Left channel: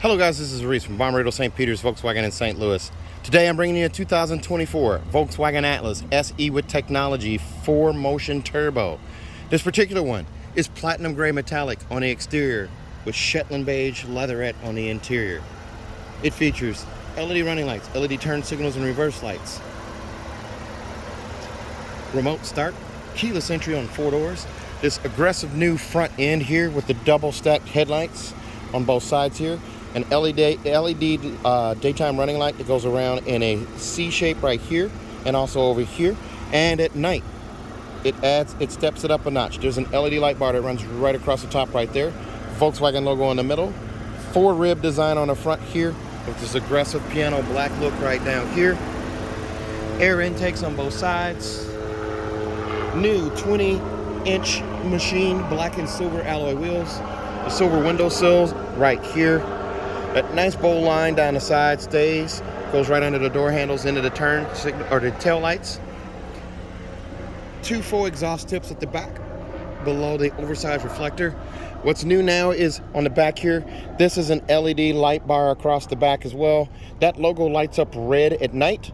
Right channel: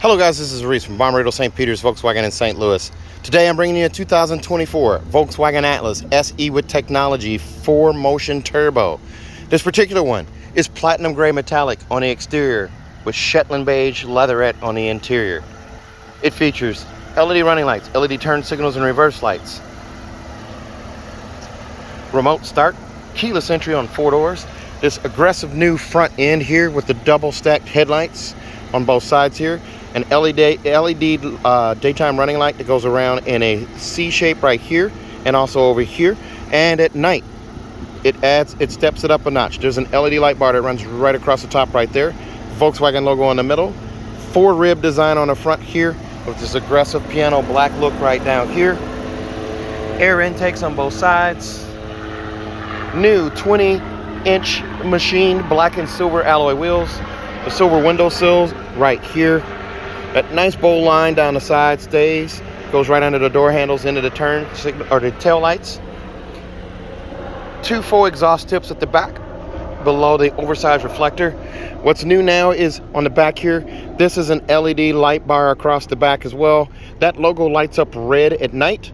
Hello guys, this is Reese from Bommarito St. Peter's Volkswagen in St. Louis. Today I'm bringing you a 2024 Volkswagen Atlas SE with technology 4Motion Turbo. This particular one is platinum gray metallic on the exterior with Shetland beige leatherette on the interior. It features LED running lights, LED turn signals and reverse lights, remote start, keyless entry on 4 doors, this aggressive new front end here with the double stacked headlights on both sides here, an LED daytime running light that goes around in a C shape right here and also over here. And at night, it steps it up a notch. There's an LED light bar that runs right across the top right there. Volkswagen logo in the middle. 4 rib design on the front here with this aggressive piano black look right down here. Air intakes on both sides. New 20-inch machined black and silver alloy wheels. The silver window sills right here. That nice bowl line down the side stays, goes right under the door handles into the turn signal or the tail lights. 2 full exhaust tips at the back below the oversized reflector. What's new now is on the back here, this is an LED light bar across the back as well. That logo lights up red at night.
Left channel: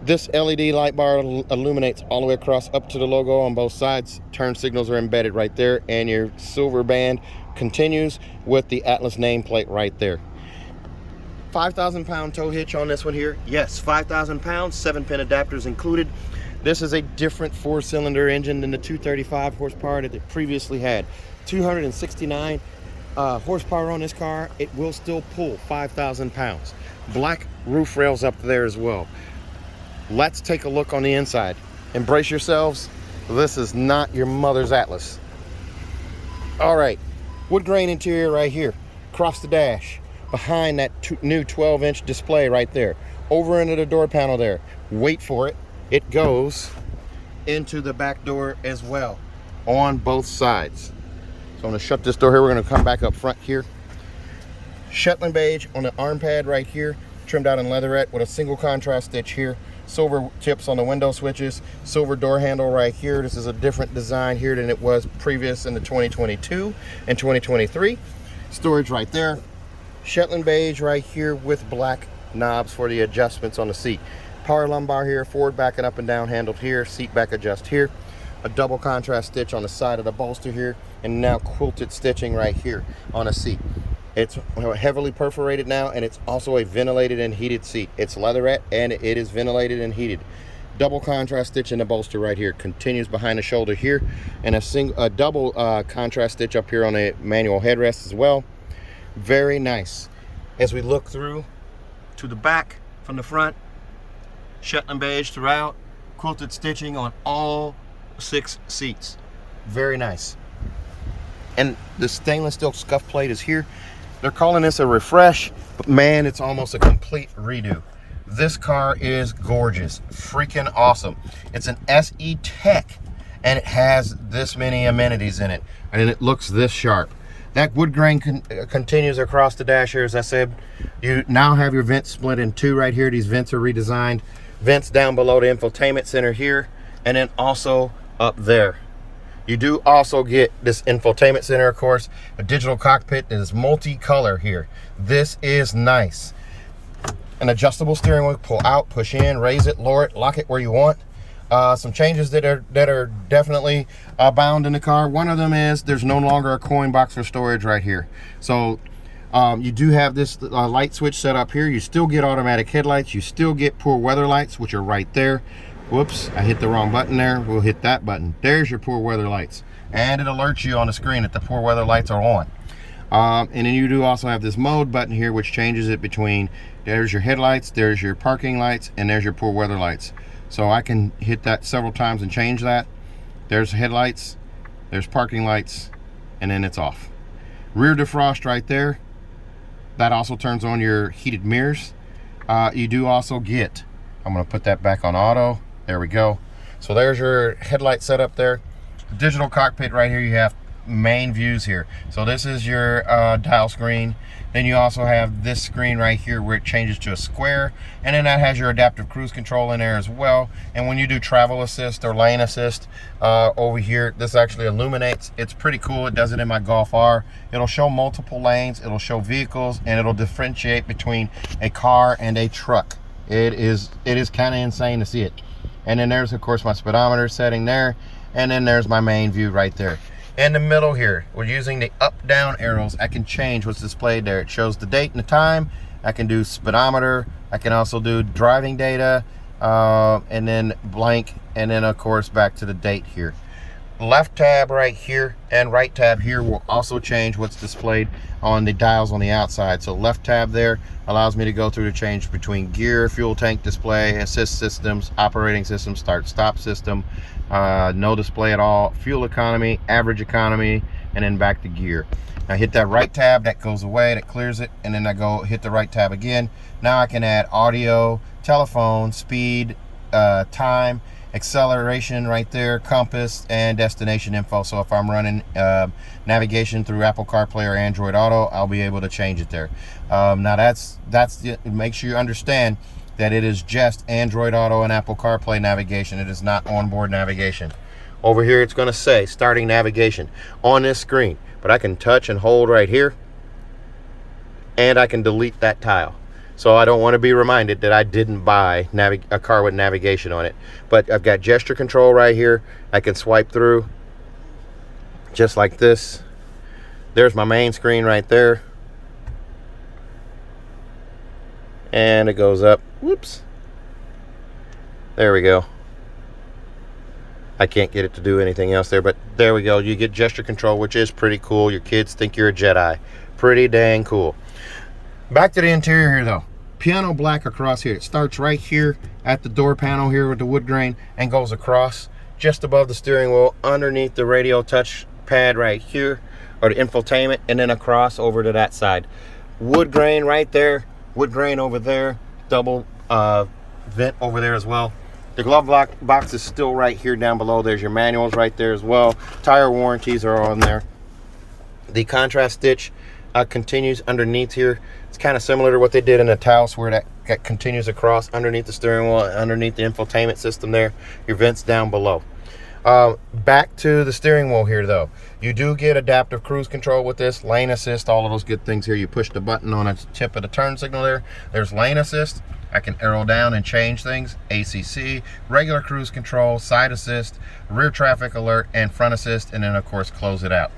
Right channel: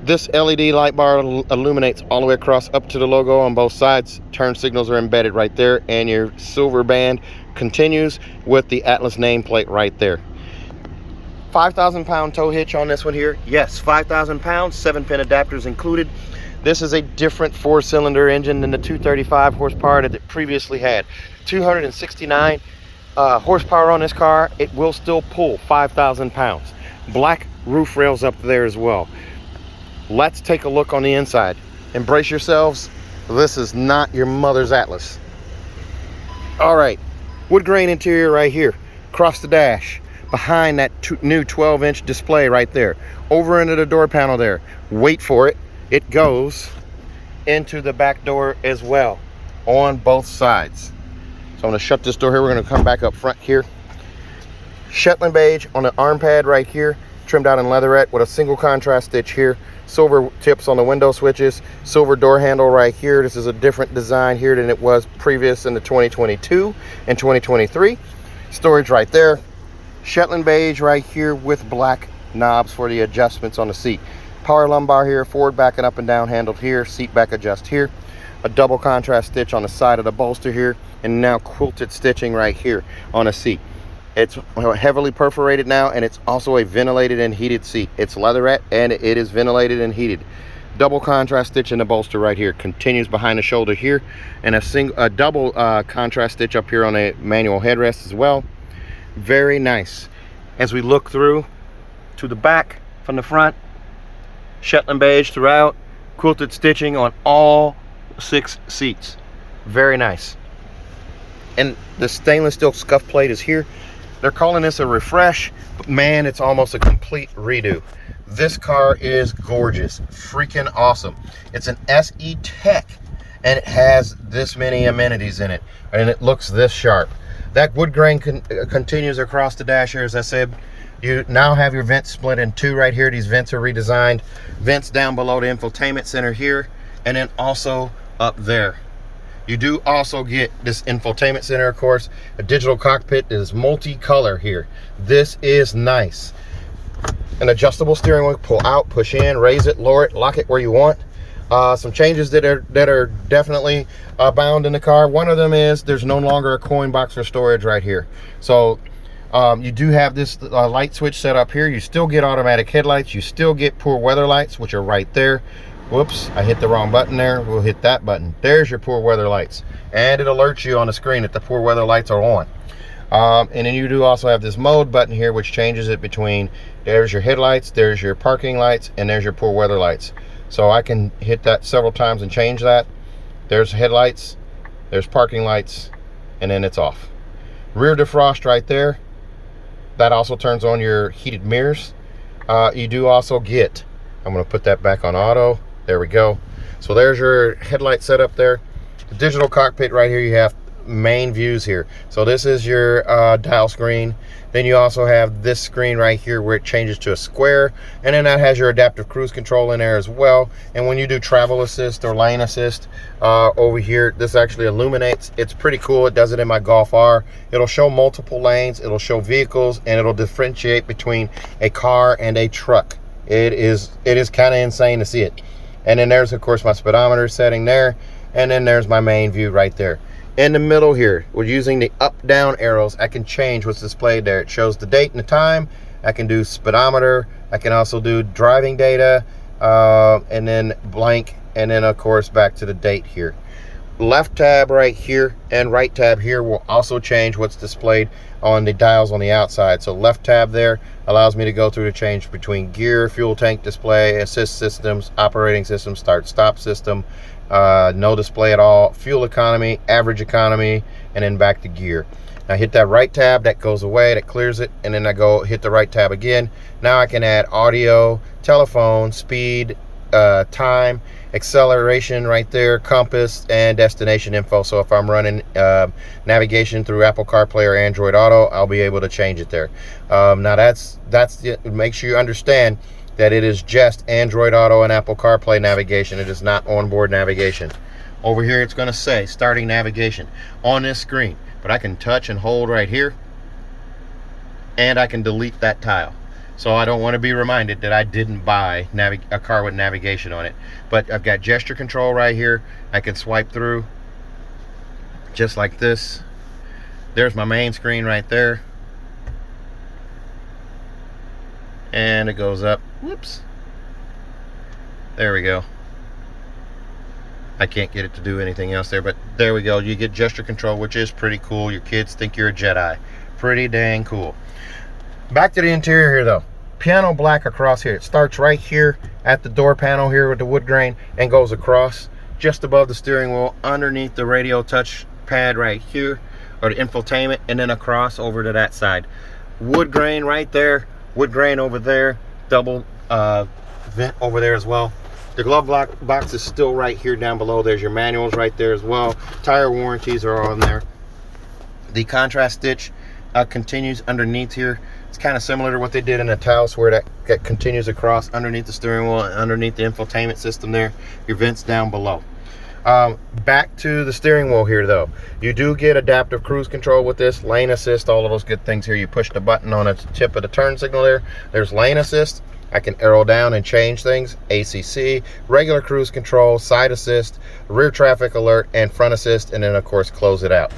This LED light bar illuminates all the way across up to the logo on both sides. Turn signals are embedded right there, and your silver band continues with the Atlas nameplate right there. 5,000 pound tow hitch on this one here. Yes, 5,000 pounds, 7-pin adapters included. This is a different 4-cylinder engine than the 235 horsepower that it previously had. 269 horsepower on this car. It will still pull 5,000 pounds. Black roof rails up there as well. Let's take a look on the inside. Embrace yourselves. This is not your mother's Atlas. All right, wood grain interior right here, across the dash. Behind that new 12-inch display right there, over into the door panel there. Wait for it. It goes into the back door as well on both sides. So I'm going to shut this door here. We're going to come back up front here. Shetland beige on the arm pad right here, trimmed out in leatherette with a single contrast stitch here. Silver tips on the window switches. Silver door handle right here. This is a different design here than it was previous in the 2022 and 2023. Storage right there. Shetland beige right here with black knobs for the adjustments on the seat. Power lumbar here, forward backing up and down handled here, seat back adjust here. A double contrast stitch on the side of the bolster here, and now quilted stitching right here on the seat. It's heavily perforated now, and it's also a ventilated and heated seat. It's leatherette and it is ventilated and heated. Double contrast stitch in the bolster right here, continues behind the shoulder here, and a double contrast stitch up here on a manual headrest as well. Very nice. As we look through to the back from the front, Shetland beige throughout, quilted stitching on all 6 seats. Very nice. And the stainless steel scuff plate is here. They're calling this a refresh, but man, it's almost a complete redo. This car is gorgeous, freaking awesome. It's an SE Tech, and it has this many amenities in it, and it looks this sharp. That wood grain continues across the dash here. As I said, you now have your vents split in 2 right here. These vents are redesigned. Vents down below the infotainment center here, and then also up there. You do also get this infotainment center, of course, a digital cockpit that is multicolor here. This is nice. An adjustable steering wheel, pull out, push in, raise it, lower it, lock it where you want. Some changes that are definitely bound in the car. One of them is there's no longer a coin box for storage right here. So you do have this light switch set up here. You still get automatic headlights. You still get poor weather lights, which are right there. Whoops, I hit the wrong button there. We'll hit that button. There's your poor weather lights. And it alerts you on the screen that the poor weather lights are on. And then you do also have this mode button here, which changes it between there's your headlights, there's your parking lights, and there's your poor weather lights. So I can hit that several times and change that. There's headlights, there's parking lights, and then it's off. Rear defrost right there. That also turns on your heated mirrors. You do also get, I'm going to put that back on auto. There we go. So there's your headlight setup there. The digital cockpit right here, you have main views here. So this is your dial screen. Then you also have this screen right here where it changes to a square, and then that has your adaptive cruise control in there as well. And when you do travel assist or lane assist over here, this actually illuminates. It's pretty cool. It does it in my Golf R. It'll show multiple lanes, it'll show vehicles, and it'll differentiate between a car and a truck. It is kind of insane to see it. And then there's of course my speedometer setting there, and then there's my main view right there. In the middle here, we're using the up-down arrows. I can change what's displayed there. It shows the date and the time. I can do speedometer. I can also do driving data, and then blank, and then of course back to the date here. Left tab right here and right tab here will also change what's displayed on the dials on the outside. So left tab there allows me to go through the change between gear, fuel tank display, assist systems, operating system, start stop system, no display at all, fuel economy, average economy, and then back to gear. I hit that right tab, that goes away, that clears it, and then I go hit the right tab again. Now I can add audio, telephone, speed, time, acceleration right there, compass, and destination info. So if I'm running navigation through Apple CarPlay or Android Auto, I'll be able to change it there. Now that's make sure you understand that it is just Android Auto and Apple CarPlay navigation. It is not onboard navigation. Over here it's going to say starting navigation on this screen, but I can touch and hold right here, and I can delete that tile. So I don't want to be reminded that I didn't buy a car with navigation on it. But I've got gesture control right here. I can swipe through just like this. There's my main screen right there. And it goes up. Whoops. There we go. I can't get it to do anything else there, but there we go. You get gesture control, which is pretty cool. Your kids think you're a Jedi. Pretty dang cool. Back to the interior here though. Piano black across here. It starts right here at the door panel here with the wood grain and goes across just above the steering wheel, underneath the radio touch pad right here, or the infotainment, and then across over to that side. Wood grain right there, wood grain over there, double vent over there as well. The glove box is still right here down below. There's your manuals right there as well. Tire warranties are on there. The contrast stitch continues underneath here. It's kind of similar to what they did in the Taos, where that continues across underneath the steering wheel, underneath the infotainment system there. Your vents down below. Back to the steering wheel here though. You do get adaptive cruise control with this, lane assist, all of those good things here. You push the button on the tip of the turn signal there. There's lane assist. I can arrow down and change things. ACC, regular cruise control, side assist, rear traffic alert, and front assist, and then of course close it out.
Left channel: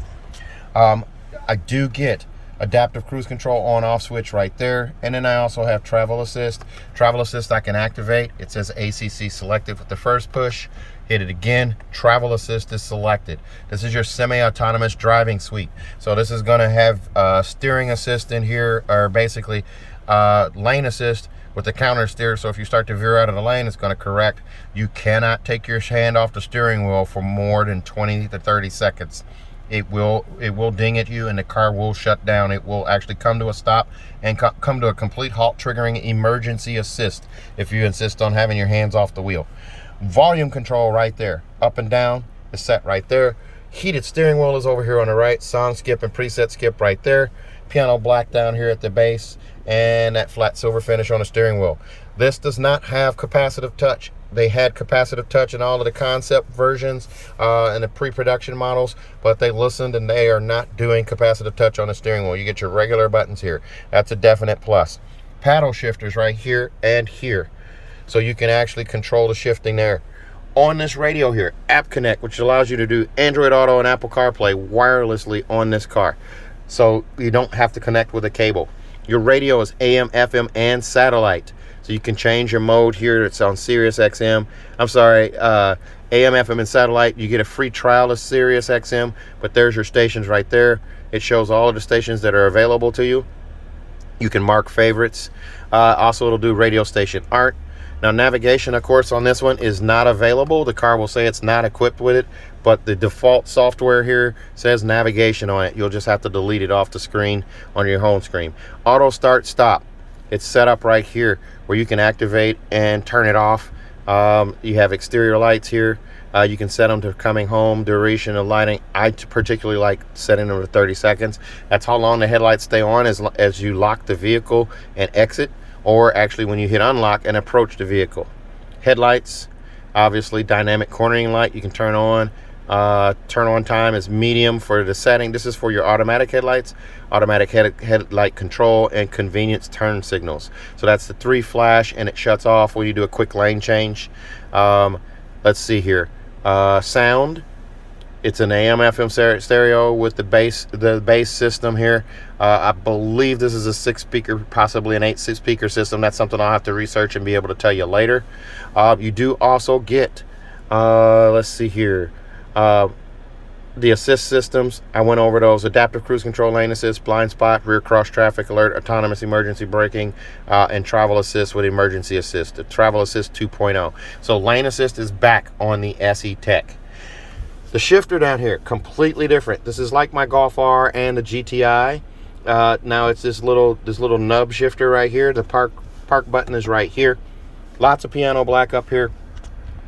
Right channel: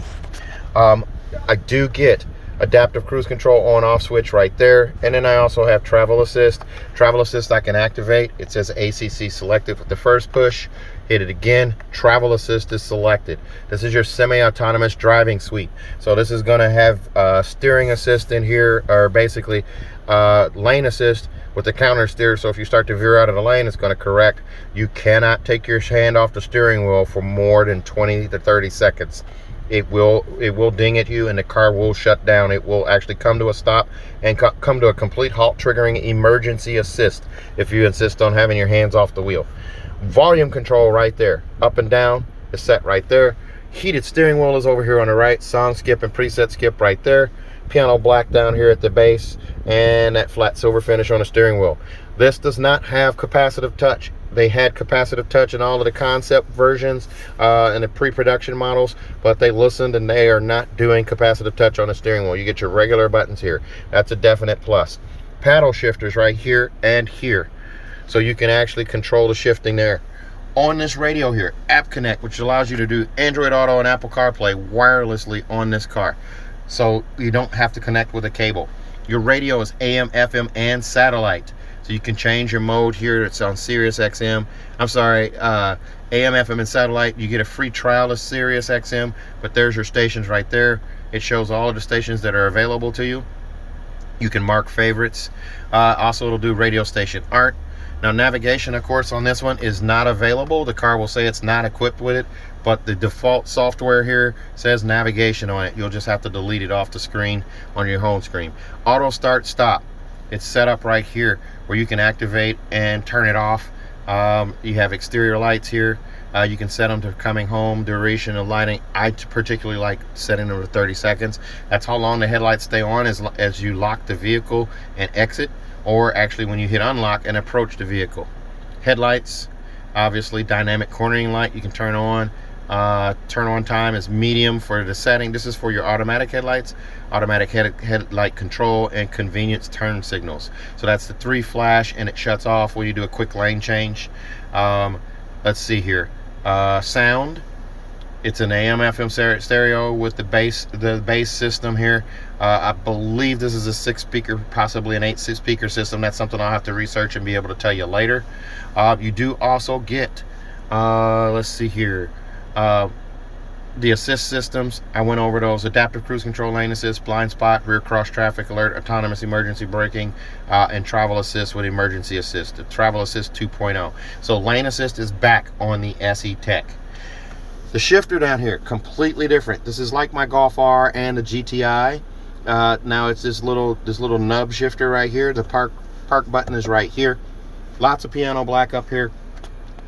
I do get adaptive cruise control on off switch right there, and then I also have travel assist. Travel assist I can activate. It says ACC selected with the first push. Hit it again, travel assist is selected. This is your semi-autonomous driving suite. So this is going to have steering assist in here, or basically lane assist with the counter steer. So if you start to veer out of the lane, it's going to correct. You cannot take your hand off the steering wheel for more than 20 to 30 seconds. It will ding at you and the car will shut down. It will actually come to a stop and come to a complete halt, triggering emergency assist if you insist on having your hands off the wheel. Volume control right there, up and down is set right there. Heated steering wheel is over here on the right. Song skip and preset skip right there. Piano black down here at the base, and that flat silver finish on the steering wheel. This does not have capacitive touch. They had capacitive touch in all of the concept versions and the pre-production models, but they listened and they are not doing capacitive touch on the steering wheel. You get your regular buttons here. That's a definite plus. Paddle shifters right here and here, so you can actually control the shifting there. On this radio here, App Connect, which allows you to do Android Auto and Apple CarPlay wirelessly on this car, so you don't have to connect with a cable. Your radio is AM, FM, and satellite. So you can change your mode here. It's on Sirius XM. I'm sorry, AM, FM, and satellite. You get a free trial of Sirius XM, but there's your stations right there. It shows all of the stations that are available to you. You can mark favorites. Also, it'll do radio station art. Now, navigation, of course, on this one is not available. The car will say it's not equipped with it, but the default software here says navigation on it. You'll just have to delete it off the screen on your home screen. Auto start stop. It's set up right here where you can activate and turn it off. You have exterior lights here. You can set them to coming home, duration of lighting. I particularly like setting them to 30 seconds. That's how long the headlights stay on as you lock the vehicle and exit, or actually when you hit unlock and approach the vehicle. Headlights, obviously dynamic cornering light you can turn on. Turn on time is medium for the setting. This is for your automatic headlights, automatic headlight control, and convenience turn signals. So that's the 3 flash, and it shuts off when you do a quick lane change. Let's see here. Sound, it's an AM FM stereo with the bass system here. I believe this is a 6 speaker, possibly an 8 speaker system. That's something I'll have to research and be able to tell you later. You do also get let's see here, the assist systems. I went over those: adaptive cruise control, lane assist, blind spot, rear cross traffic alert, autonomous emergency braking, and travel assist with emergency assist. The travel assist 2.0. So lane assist is back on the SE Tech. The shifter down here, completely different. This is like my Golf R and the GTI. Now it's this little nub shifter right here. The park button is right here. Lots of piano black up here.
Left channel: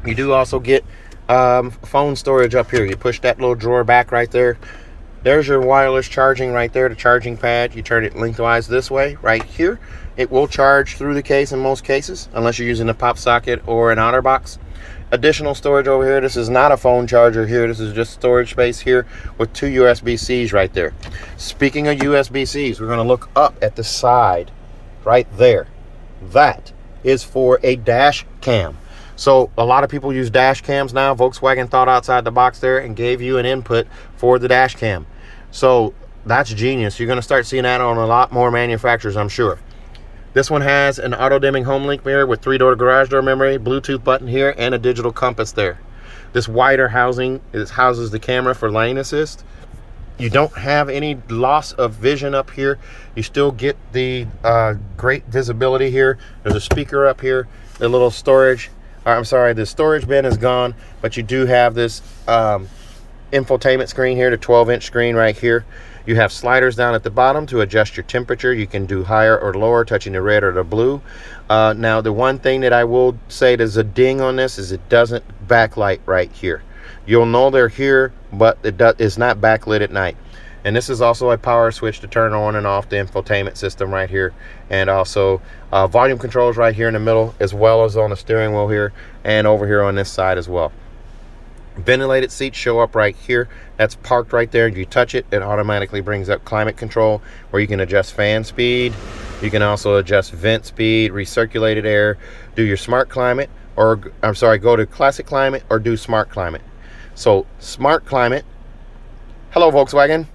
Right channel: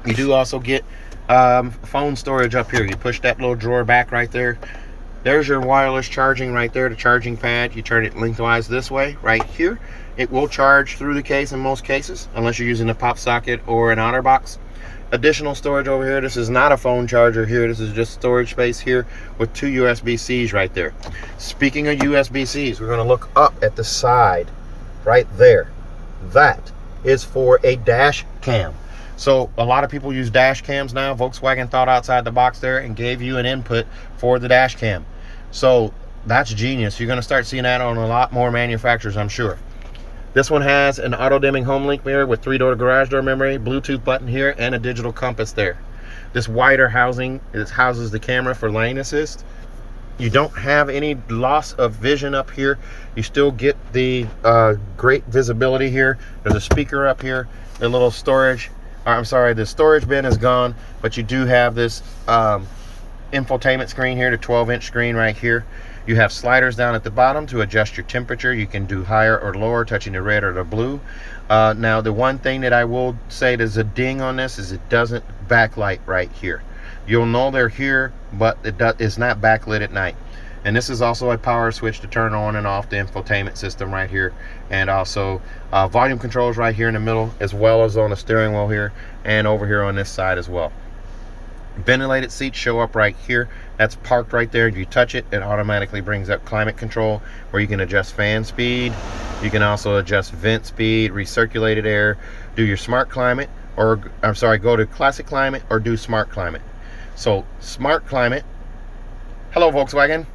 You do also get phone storage up here. You push that little drawer back right there. There's your wireless charging right there, the charging pad. You turn it lengthwise this way right here. It will charge through the case in most cases, unless you're using a pop socket or an OtterBox. Additional storage over here. This is not a phone charger here. This is just storage space here with 2 USB-Cs right there. Speaking of USB-Cs, we're going to look up at the side right there. That is for a dash cam. So a lot of people use dash cams now. Volkswagen thought outside the box there and gave you an input for the dash cam. So that's genius. You're going to start seeing that on a lot more manufacturers, I'm sure. This one has an auto-dimming home link mirror with 3-door garage door memory, Bluetooth button here, and a digital compass there. This wider housing houses the camera for lane assist. You don't have any loss of vision up here. You still get the great visibility here. There's a speaker up here, the little storage. I'm sorry, the storage bin is gone, but you do have this infotainment screen here, the 12-inch screen right here. You have sliders down at the bottom to adjust your temperature. You can do higher or lower, touching the red or the blue. Now, the one thing that I will say there's a ding on this is it doesn't backlight right here. You'll know they're here, but it's not backlit at night. And this is also a power switch to turn on and off the infotainment system right here. And also volume controls right here in the middle, as well as on the steering wheel here and over here on this side as well. Ventilated seats show up right here. That's parked right there. You touch it, it automatically brings up climate control, where you can adjust fan speed. You can also adjust vent speed, recirculated air, do your smart climate, or I'm sorry, go to classic climate or do smart climate. So smart climate. Hello, Volkswagen.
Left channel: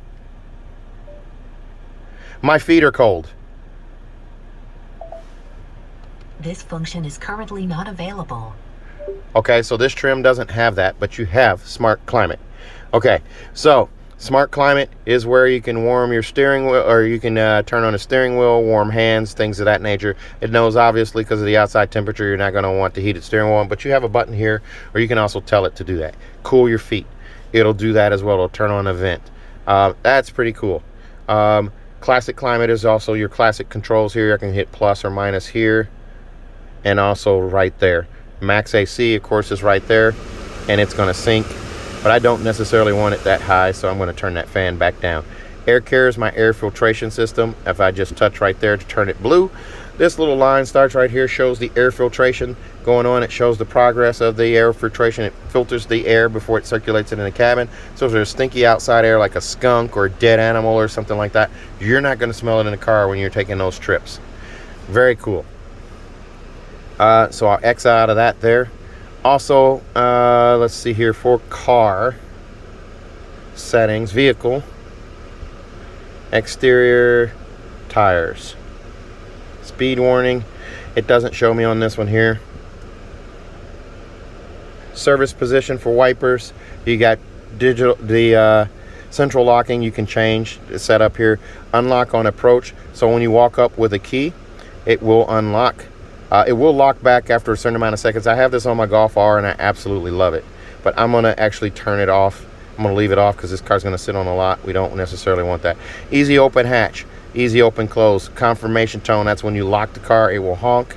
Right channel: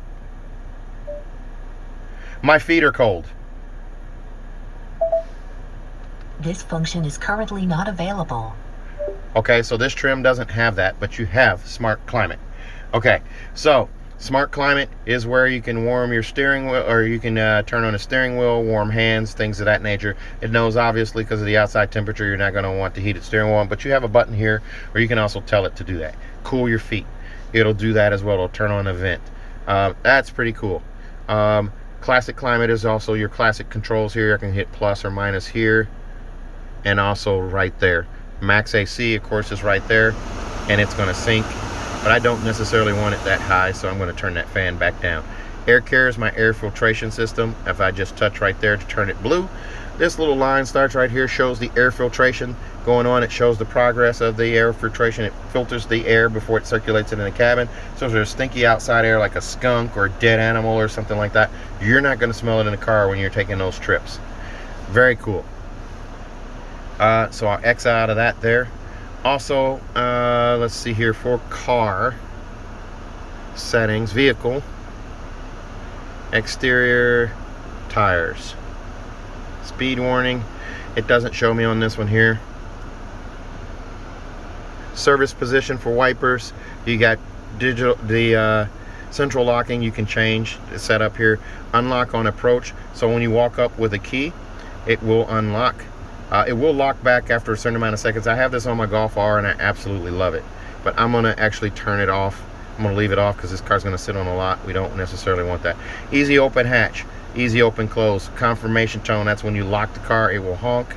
My feet are cold. This function is currently not available. Okay, so this trim doesn't have that, but you have smart climate. Okay, so smart climate is where you can warm your steering wheel, or you can turn on the steering wheel, warm hands, things of that nature. It knows, obviously, because of the outside temperature, you're not going to want the heated steering wheel, but you have a button here, or you can also tell it to do that. Cool your feet. It'll do that as well. It'll turn on a vent. That's pretty cool. Classic climate is also your classic controls here. I can hit plus or minus here, and also right there. Max AC, of course, is right there, and it's going to sync, but I don't necessarily want it that high, so I'm going to turn that fan back down. Air care is my air filtration system. If I just touch right there to turn it blue, this little line starts right here, shows the air filtration going on. It shows the progress of the air filtration. It filters the air before it circulates it in the cabin. So if there's stinky outside air like a skunk or a dead animal or something like that, you're not going to smell it in the car when you're taking those trips. Very cool. So I'll X out of that there. Also, let's see here, for car settings, vehicle, exterior, tires, speed warning. It doesn't show me on this one here. Service position for wipers. You got digital, the central locking you can change. It's set up here. Unlock on approach. So when you walk up with a key, it will unlock. It will lock back after a certain amount of seconds. I have this on my Golf R and I absolutely love it. But I'm going to actually turn it off. I'm going to leave it off because this car's going to sit on a lot. We don't necessarily want that. Easy open hatch. Easy open close. Confirmation tone. That's when you lock the car. It will honk.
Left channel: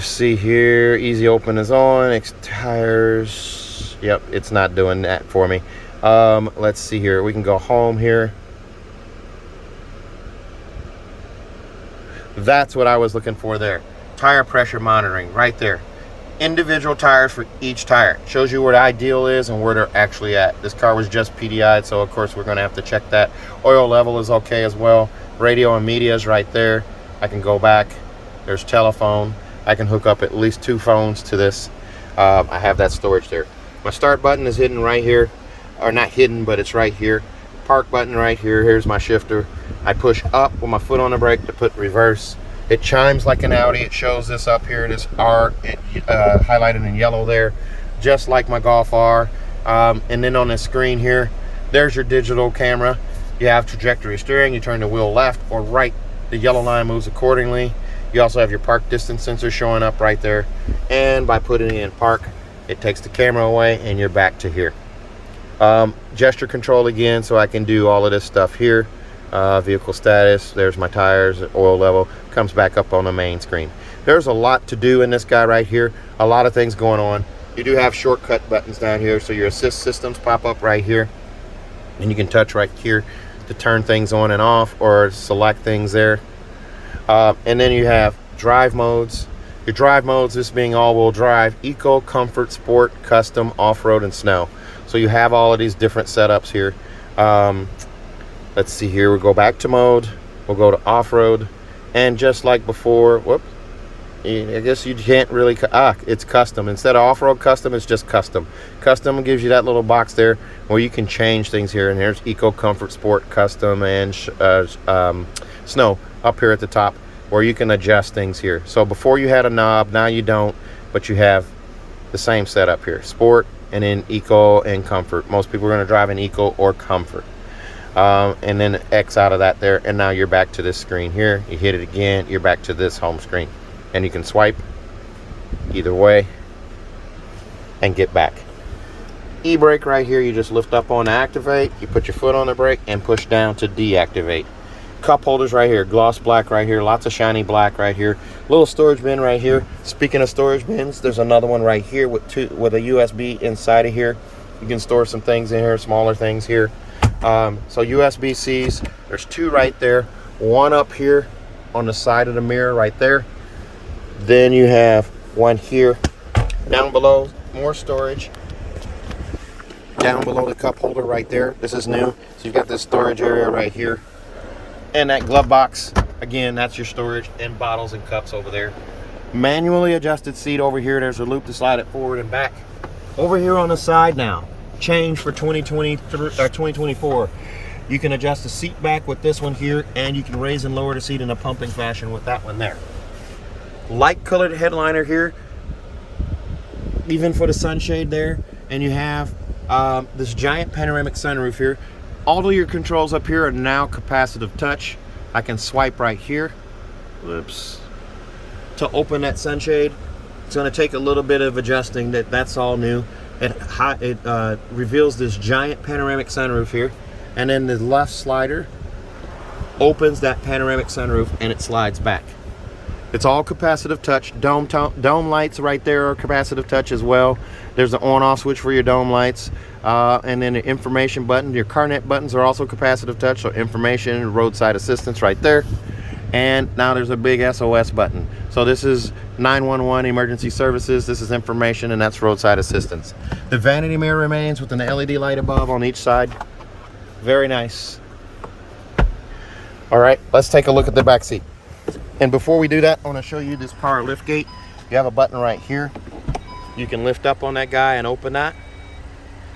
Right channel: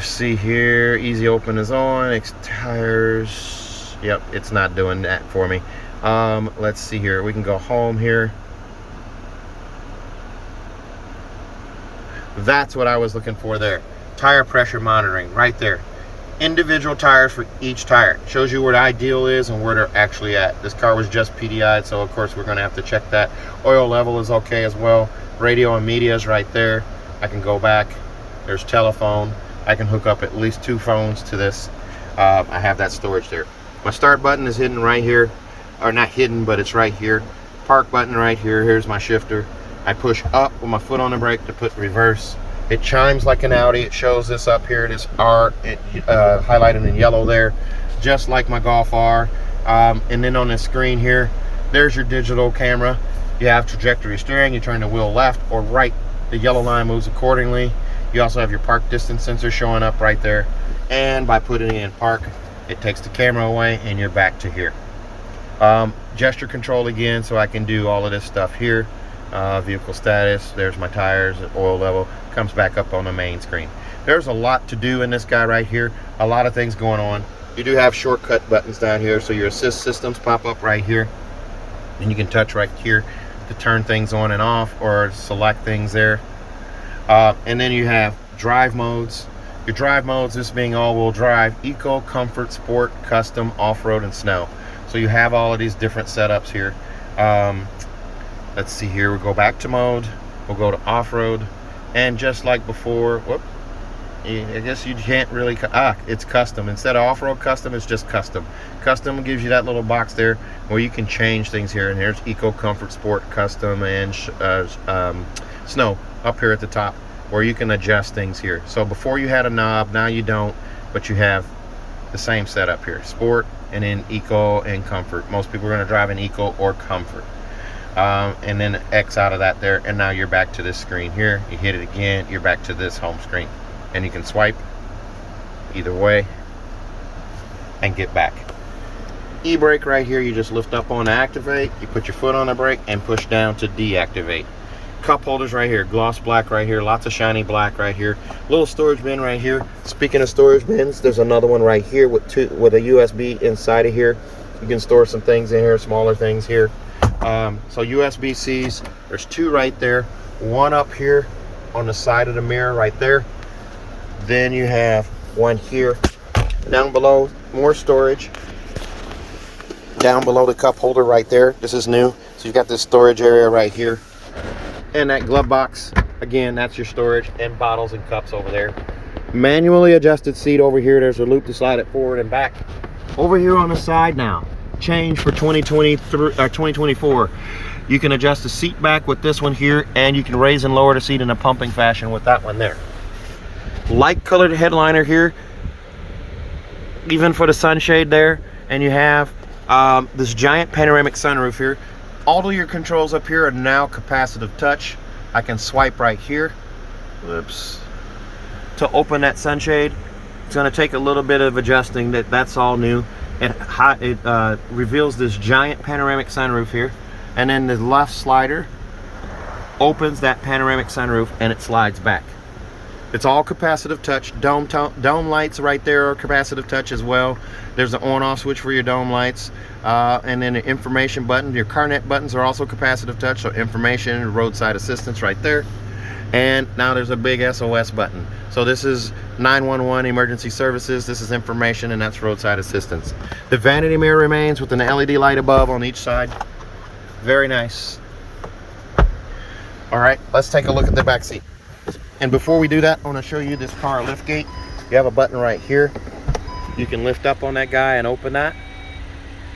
See here, easy open is on. Tires. Yep, it's not doing that for me. Let's see here. We can go home here. That's what I was looking for there. Tire pressure monitoring right there. Individual tires for each tire. Shows you where the ideal is and where they're actually at. This car was just PDI'd, so of course we're gonna have to check that. Oil level is okay as well. Radio and media is right there. I can go back. There's telephone. I can hook up at least 2 phones to this. I have that storage there. My start button is hidden right here, or not hidden, but it's right here. Park button right here. Here's my shifter. I push up with my foot on the brake to put reverse. It chimes like an Audi. It shows this up here. This R, highlighted in yellow there, just like my Golf R. And then on the screen here, there's your digital camera. You have trajectory steering. You turn the wheel left or right. The yellow line moves accordingly. You also have your park distance sensor showing up right there. And by putting it in park, it takes the camera away and you're back to here. Gesture control again, so I can do all of this stuff here. Vehicle status, there's my tires, oil level, comes back up on the main screen. There's a lot to do in this guy right here, a lot of things going on. You do have shortcut buttons down here, so your assist systems pop up right here, and you can touch right here to turn things on and off or select things there. And then you have drive modes. Your drive modes, this being all-wheel drive, eco, comfort, sport, custom, off-road, and snow. So you have all of these different setups here. Let's see here, we'll go back to mode, we'll go to off-road, and just like before, whoop, I guess you can't really, it's custom. Instead of off-road custom, it's just custom. Custom gives you that little box there where you can change things here, and here's eco, comfort, sport, custom, and snow up here at the top where you can adjust things here. So before you had a knob, now you don't, but you have the same setup here, sport, and then eco and comfort. Most people are gonna drive in eco or comfort. And then X out of that there, and now you're back to this screen here. You hit it again, you're back to this home screen, and you can swipe either way and get back. E-brake right here, you just lift up on to activate, you put your foot on the brake and push down to deactivate. Cup holders right here, gloss black right here, lots of shiny black right here, little storage bin right here. Speaking of storage bins, there's another one right here with a USB inside of here. You can store some things in here, smaller things here. So USB-Cs, there's 2 right there, 1 up here on the side of the mirror right there. Then you have 1 here. Down below, more storage. Down below the cup holder right there, this is new. So you've got this storage area right here. And that glove box, again, that's your storage, and bottles and cups over there. Manually adjusted seat over here, there's a loop to slide it forward and back. Over here on the side now, change for 2023 or 2024, you can adjust the seat back with this one here, and you can raise and lower the seat in a pumping fashion with that one there. Light colored headliner here, even for the sunshade there, and you have this giant panoramic sunroof here. All of your controls up here are now capacitive touch. I can swipe right here, whoops, to open that sunshade. It's going to take a little bit of adjusting. That's all new. It reveals this giant panoramic sunroof here, and then the left slider opens that panoramic sunroof and it slides back. It's all capacitive touch. Dome lights right there are capacitive touch as well. There's an on-off switch for your dome lights, and then the information button. Your CarNet buttons are also capacitive touch, so information, roadside assistance right there. And now there's a big SOS button. So this is 911 emergency services, this is information, and that's roadside assistance. The vanity mirror remains with an LED light above on each side. Very nice. All right, let's take a look at the back seat. And before we do that, I want to show you this power lift gate. You have a button right here. You can lift up on that guy and open that.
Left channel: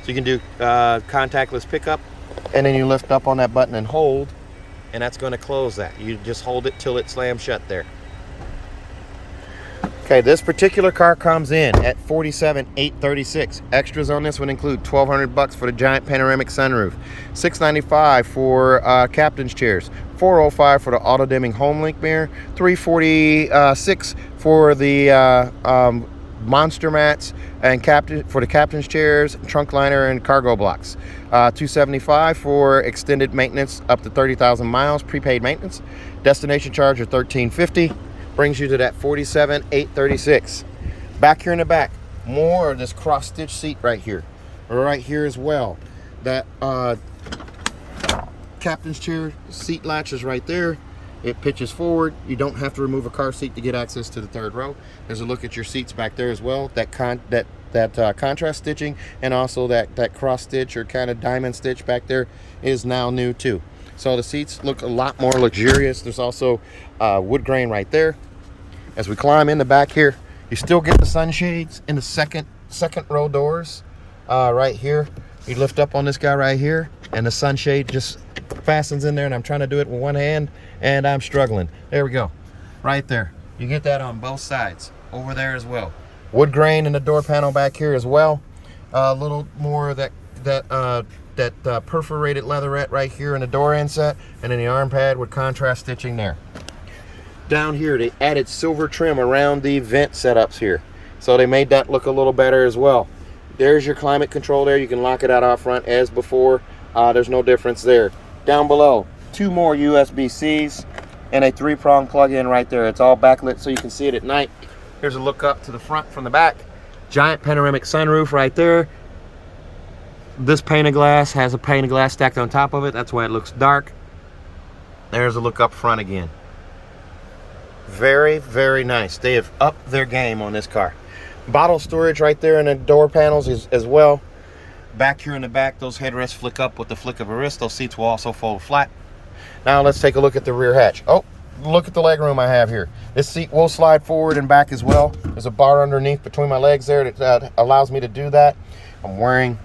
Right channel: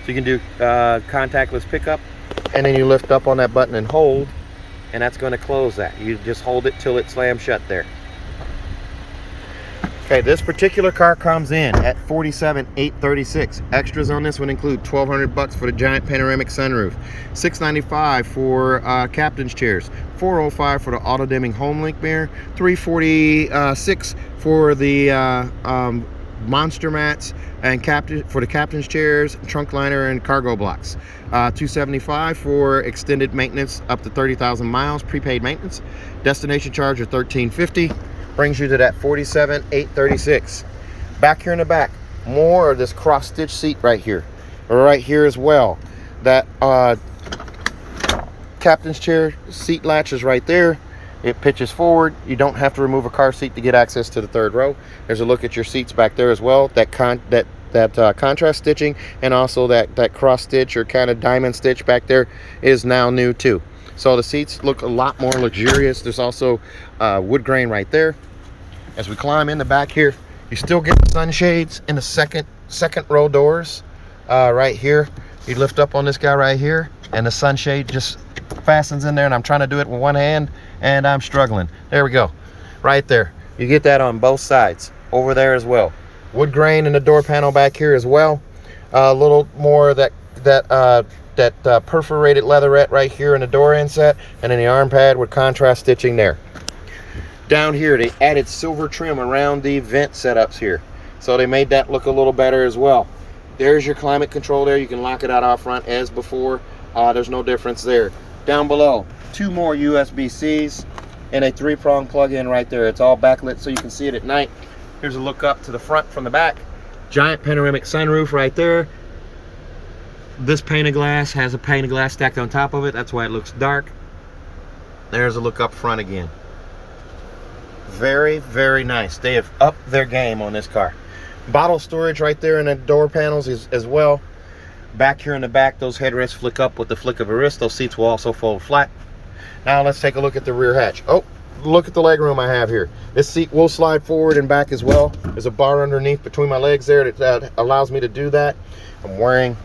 So you can do contactless pickup, and then you lift up on that button and hold, and that's going to close that. You just hold it till it slams shut there. Okay, this particular car comes in at $47,836. Extras on this would include $1,200 for the giant panoramic sunroof, $695 for captain's chairs, $405 for the auto dimming home link mirror, $346 for the monster mats and for the captain's chairs, trunk liner, and cargo blocks. $275 for extended maintenance up to 30,000 miles, prepaid maintenance. Destination charge of $1,350. brings you to that 47,836. Back here in the back, more of this cross stitch seat right here as well. That captain's chair seat latch is right there. It pitches forward. You don't have to remove a car seat to get access to the third row. There's a look at your seats back there as well. That contrast stitching, and also that cross stitch or kind of diamond stitch back there is now new too. So the seats look a lot more luxurious. There's also wood grain right there. As we climb in the back here, you still get the sunshades in the second row doors right here. You lift up on this guy right here, and the sunshade just fastens in there, and I'm trying to do it with one hand and I'm struggling. There we go, right there. You get that on both sides over there as well. Wood grain in the door panel back here as well. A little more of that perforated leatherette right here in the door inset, and then the arm pad with contrast stitching there. Down here they added silver trim around the vent setups here, so they made that look a little better as well. There's your climate control there. You can lock it out off front as before. There's no difference there. Down below, 2 more USB-Cs and a 3-prong plug-in right there. It's all backlit so you can see it at night. Here's a look up to the front from the back. Giant panoramic sunroof right there. This pane of glass has a pane of glass stacked on top of it. That's why it looks dark. There's a look up front again. Very, very nice. They have upped their game on this car. Bottle storage right there in the door panels as well. Back here in the back, those headrests flick up with the flick of a wrist. Those seats will also fold flat. Now let's take a look at the rear hatch. Oh, look at the leg room I have here. This seat will slide forward and back as well. There's a bar underneath between my legs there that allows me to do that. I'm wearing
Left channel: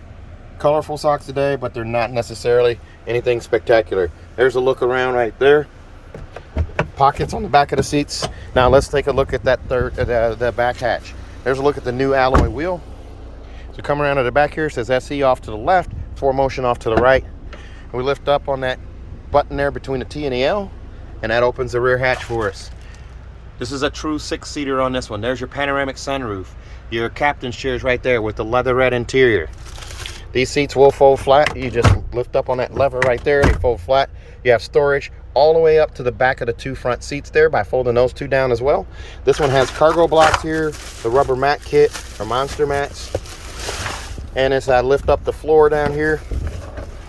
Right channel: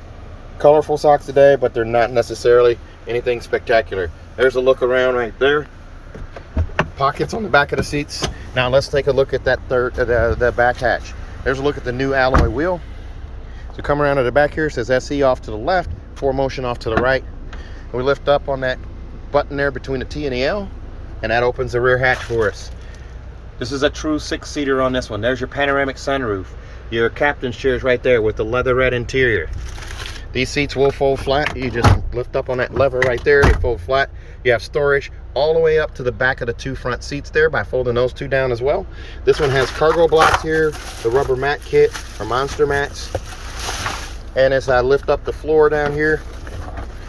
colorful socks today, but they're not necessarily anything spectacular. There's a look around right there. Pockets on the back of the seats. Now let's take a look at that the back hatch. There's a look at the new alloy wheel. So come around to the back here, it says SE off to the left, 4Motion off to the right. And we lift up on that button there between the T and the L, and that opens the rear hatch for us. This is a true 6-seater on this one. There's your panoramic sunroof. Your captain's chairs right there with the leatherette interior. These seats will fold flat. You just lift up on that lever right there, they fold flat. You have storage all the way up to the back of the 2 front seats there by folding those 2 down as well. This one has cargo blocks here, the rubber mat kit or monster mats. And as I lift up the floor down here,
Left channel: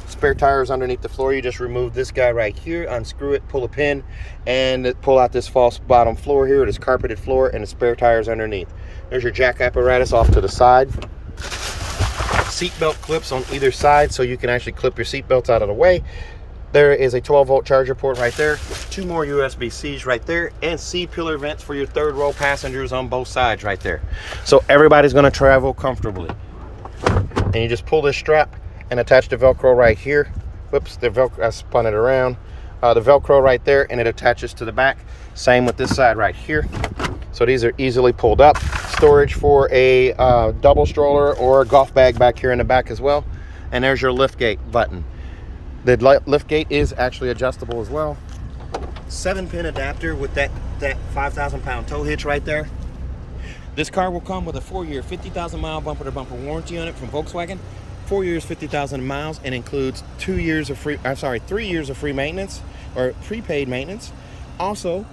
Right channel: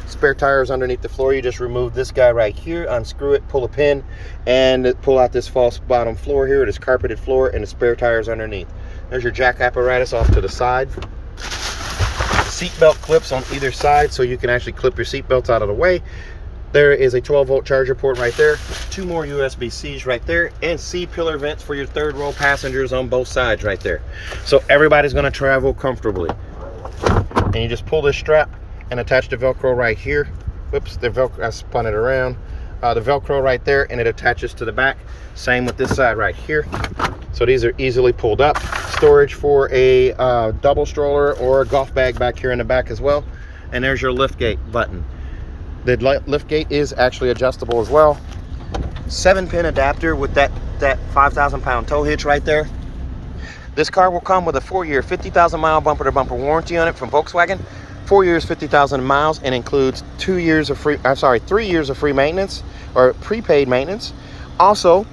spare tires underneath the floor. You just remove this guy right here, unscrew it, pull a pin, and pull out this false bottom floor here. It is carpeted floor and the spare tires underneath. There's your jack apparatus off to the side. Seatbelt clips on either side so you can actually clip your seatbelts out of the way. There is a 12-volt charger port right there. 2 more USB-Cs right there, and C-pillar vents for your third row passengers on both sides right there. So everybody's gonna travel comfortably. And you just pull this strap and attach the Velcro right here. Whoops, the Velcro, I spun it around. The Velcro right there, and it attaches to the back. Same with this side right here. So these are easily pulled up. Storage for a double stroller or a golf bag back here in the back as well. And there's your liftgate button. The liftgate is actually adjustable as well. 7-pin adapter with that 5,000-pound tow hitch right there. This car will come with a 4-year, 50,000-mile bumper-to-bumper warranty on it from Volkswagen. 4 years, 50,000 miles, and includes 3 years of free maintenance or prepaid maintenance. Also,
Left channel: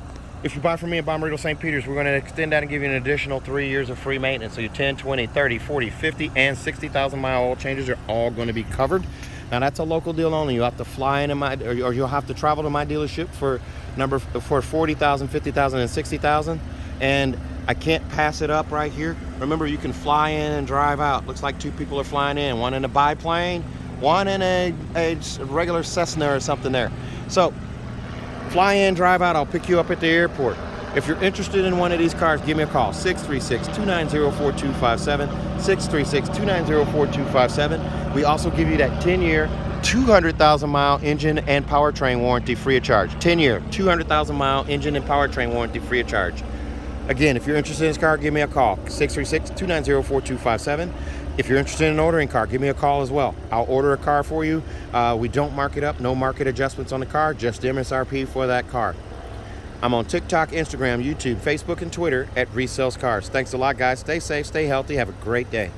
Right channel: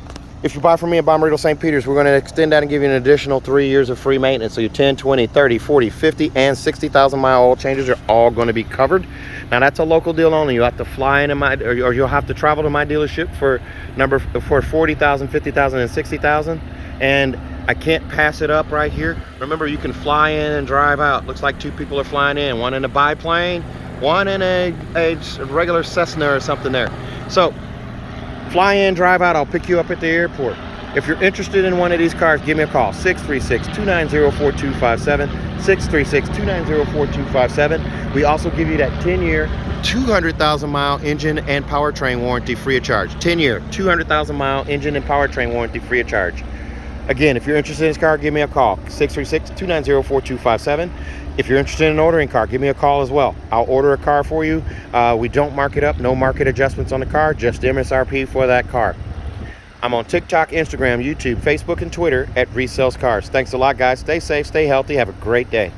if you buy from me at Bommarito St. Peter's, we're going to extend that and give you an additional 3 years of free maintenance. So your 10, 20, 30, 40, 50, and 60,000-mile oil changes are all going to be covered. Now that's a local deal only. You have to fly in or you'll have to travel to my dealership for 40,000, 50,000, and 60,000. And I can't pass it up right here. Remember, you can fly in and drive out. Looks like 2 people are flying in. One in a biplane, one in a regular Cessna or something there. So fly in, drive out. I'll pick you up at the airport. If you're interested in one of these cars, give me a call. 636-290-4257. 636-290-4257. We also give you that 10-year, 200,000-mile engine and powertrain warranty free of charge. 10-year, 200,000-mile engine and powertrain warranty free of charge. Again, if you're interested in this car, give me a call. 636-290-4257. If you're interested in ordering a car, give me a call as well. I'll order a car for you. We don't mark it up. No market adjustments on the car. Just MSRP for that car. I'm on TikTok, Instagram, YouTube, Facebook, and Twitter at Reese Sells Cars. Thanks a lot, guys. Stay safe, stay healthy. Have a great day.